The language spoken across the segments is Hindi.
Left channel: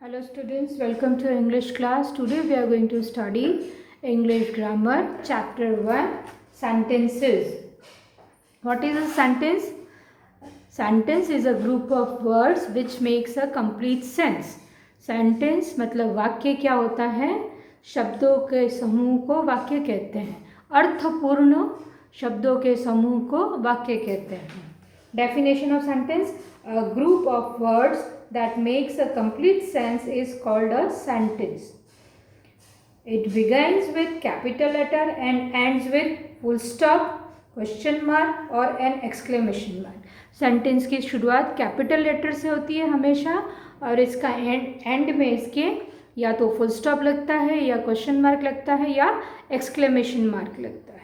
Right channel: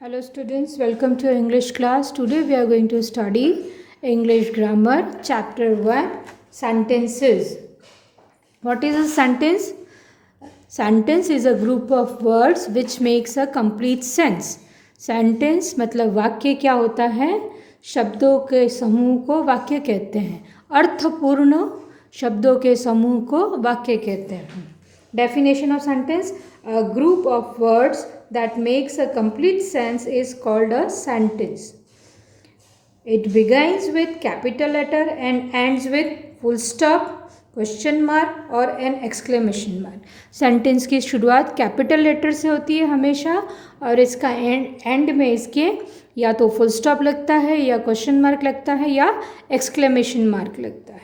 Hello students, welcome to English class. Today we are going to study English grammar chapter 1 sentences. What is a sentence? Sentence is a group of words which makes a complete sense. Sentence मतलब वाक्य क्या होता है? शब्दों के समूह को वाक्य कहते हैं। अर्थपूर्ण शब्दों के समूह को वाक्य कहते हैं। Definition of sentence: a group of words that makes a complete sense is called a sentence. It begins with capital letter and ends with full stop, question mark और एन एक्सक्लेमेशन मार्क. सेंटेंस की शुरुआत कैपिटल लेटर से होती है हमेशा और इसका एंड में इसके या तो फुल स्टॉप लगता है या क्वेश्चन मार्क लगता है या एक्सक्लेमेशन मार्क लगता है.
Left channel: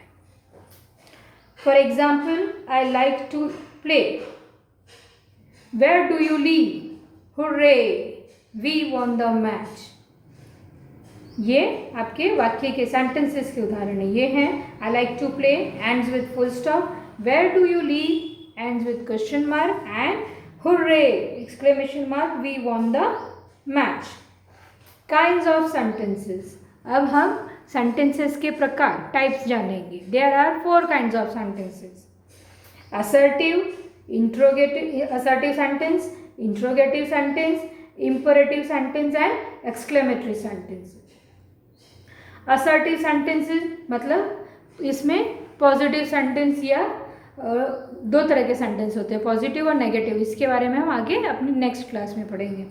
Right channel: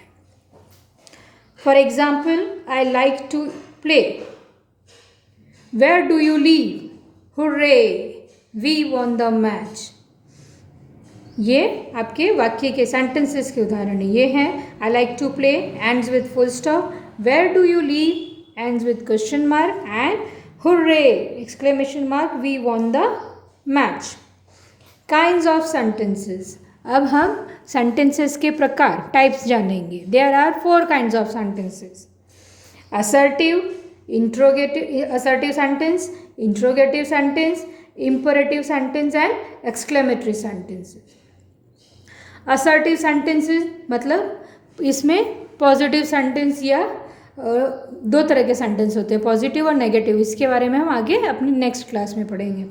For example, I like to play. Where do you live? Hurray, we won the match. ये आपके वाक्य के सेंटेंसेस के उदाहरण है. ये हैं I like to play ends with full stop, where do you live ends with question mark and hurray exclamation mark, we won the match. Kinds of sentences. अब हम सेंटेंसेस के प्रकार टाइप्स जानेंगे. There are 4 kinds of sentences. Assertive, interrogative, assertive sentence, interrogative sentence, imperative sentence and exclamatory sentences. Assertive sentences मतलब इसमें पॉजिटिव सेंटेंस या 2 तरह के सेंटेंस होते हैं, पॉजिटिव और नेगेटिव. इसके बारे में हम आगे अपनी नेक्स्ट क्लास में पढ़ेंगे.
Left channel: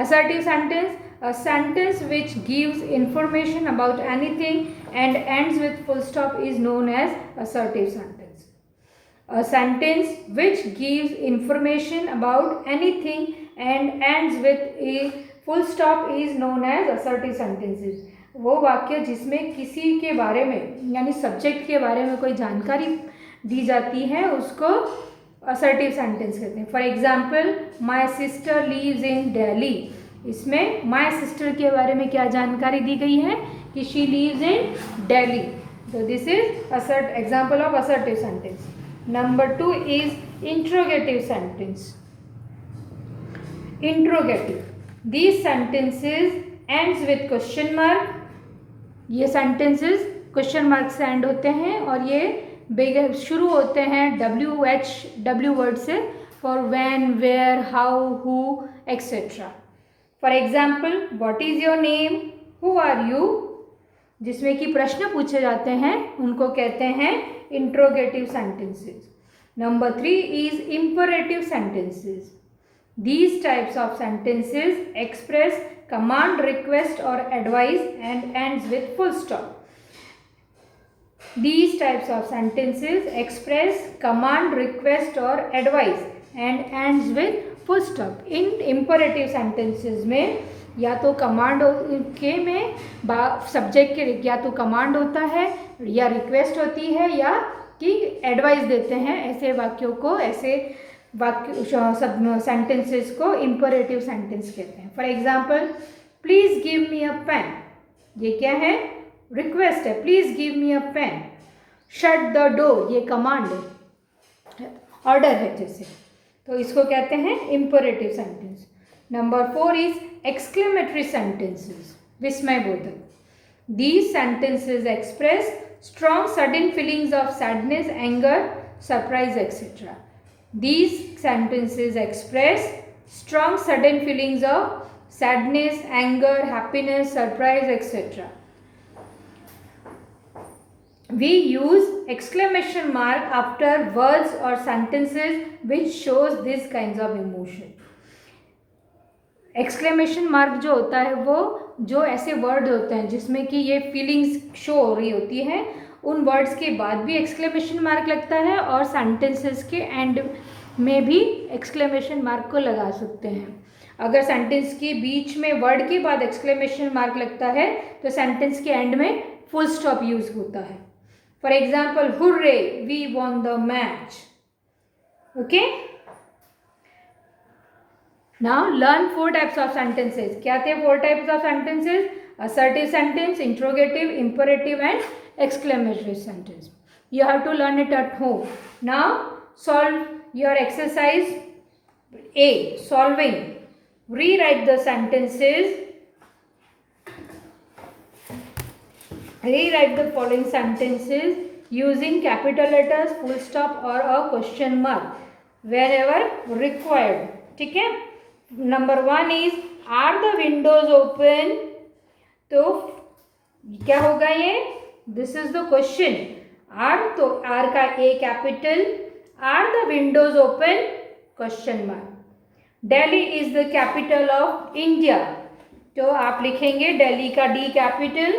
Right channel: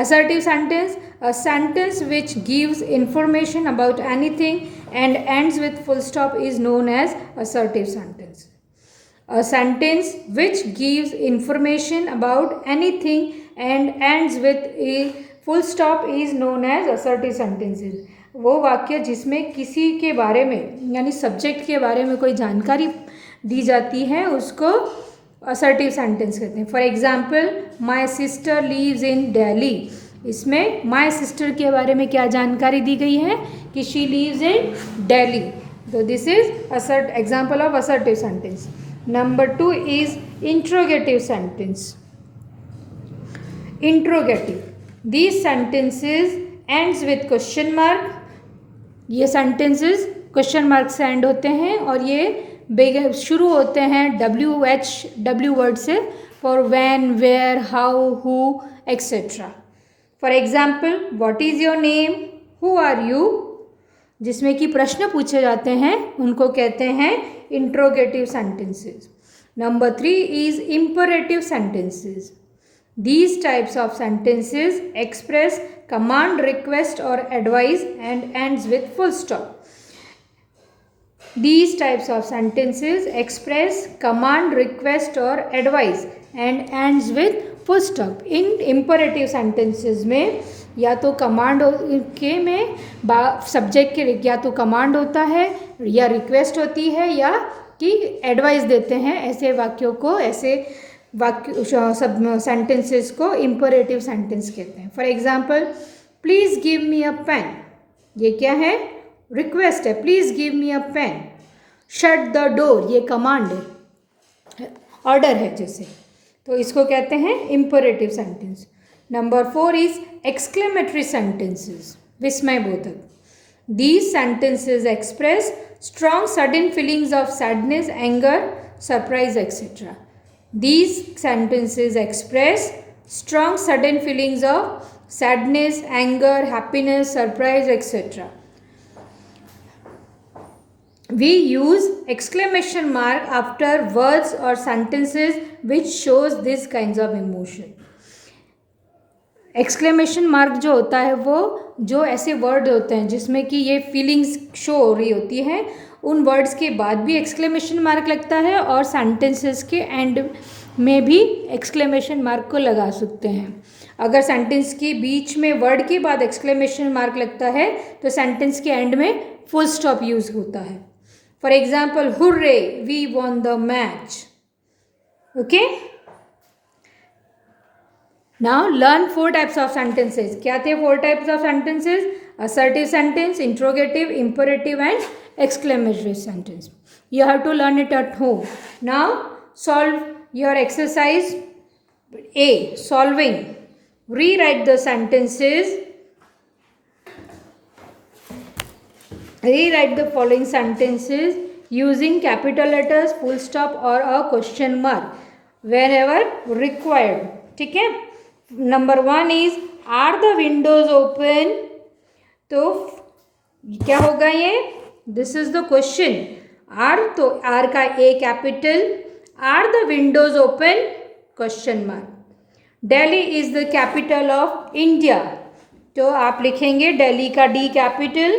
Assertive sentence, a sentence which gives information about anything and ends with full stop is known as assertive sentence. A sentence which gives information about anything and ends with a full stop is known as assertive sentences. वो वाक्य जिसमें किसी के बारे में यानी सब्जेक्ट के बारे में कोई जानकारी दी जाती है उसको असर्टिव सेंटेंस कहते हैं. For example, my sister leaves in Delhi. इसमें माई सिस्टर के बारे में क्या जानकारी दी गई है कि शी लीव्स इन दिल्ली. तो this is example of assertive sentence. Number 2 is interrogative sentence. Interrogative. These sentences ends with question mark. ये sentences question mark से end होते हैं और ये शुरू होते हैं W word से for when, where, how, who, etc. For example, what is your name? Who are you? जिसमें कि प्रश्न पूछे जाते हैं उनको कहते हैं interrogative sentences. Number 3 is imperative sentences. These types of sentences express command, request और advice and ends with full stop. These types of sentences express command, request or advice and ends with full stop. In imperative sentences में या तो कमांड के में सब्जेक्ट के या तो कमांड होता है या रिक्वेस्ट होती है या कि एडवाइस देते हैं. ऐसे वाक्यों को, ऐसे वाक्य सब सेंटेंसेस को इम्परेटिव सेंटेंस कहते हैं. For example, please give me a pen. ये क्या है? रिक्वेस्ट है, please give me a pen. Shut the door, ये कमांड है, ऑर्डर है जैसे, तो इसको कहते हैं imperative sentence. Number 4 is exclamatory sentences, विस्मयबोधक. These sentences express strong sudden feelings of sadness, anger, surprise, etc. These sentences express strong sudden feelings of sadness, anger, happiness, surprise, etc. We use exclamation mark after words or sentences which shows these kinds of emotion. Exclamation mark जो होता है वो जो ऐसे वर्ड होते हैं जिसमें कि ये फीलिंग्स शो हो रही होती है, उन वर्ड्स के बाद भी एक्सक्लेमेशन मार्क लगता है और सेंटेंसेस के एंड में भी एक्सक्लेमेशन मार्क को लगा सकते हैं. अगर सेंटेंस के बीच में वर्ड के बाद एक्सक्लेमेशन मार्क लगता है तो सेंटेंस के एंड में फुल स्टॉप यूज होता है. For example, hurray, we won the match. Okay, Now learn 4 types of sentences. क्या थे 4 types of sentences? Assertive sentence, interrogative, imperative and exclamatory sentence. You have to learn it at home. Now solve your exercise A, solving. Rewrite the sentences. Rewrite the following sentences using capital letters, full stop or a question mark wherever required. ठीक है. Number 1 is, are the windows open? तो क्या होगा ये? This is the question. Are, तो R का A capital. Are the windows open? Question mark. Delhi is the capital of India. तो आप लिखेंगे दिल्ली का D कैपिटल.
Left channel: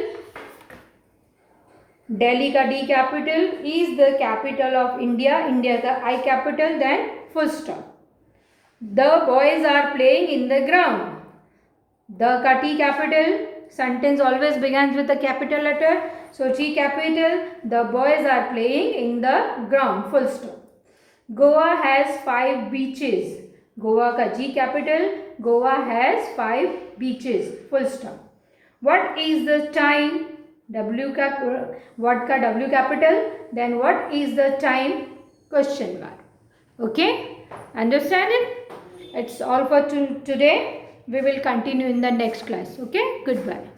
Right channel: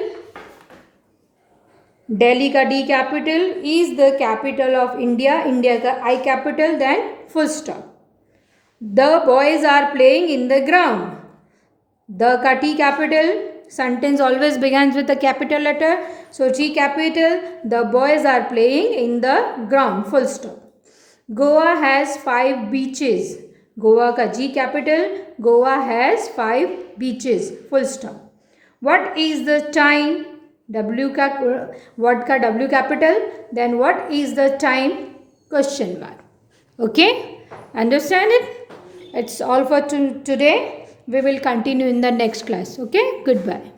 दिल्ली का D capital is the capital of India. India का I capital. Then full stop. The boys are playing in the ground. The का T capital. Sentence always begins with a capital letter. So G capital. The boys are playing in the ground. Full stop. Goa has 5 beaches. Goa का G capital. Goa has 5 beaches. Full stop. What is the time? W का what का W capital. Then what is the time? Question mark. Okay? Understand it? It's all for today. We will continue in the next class. Okay? Goodbye.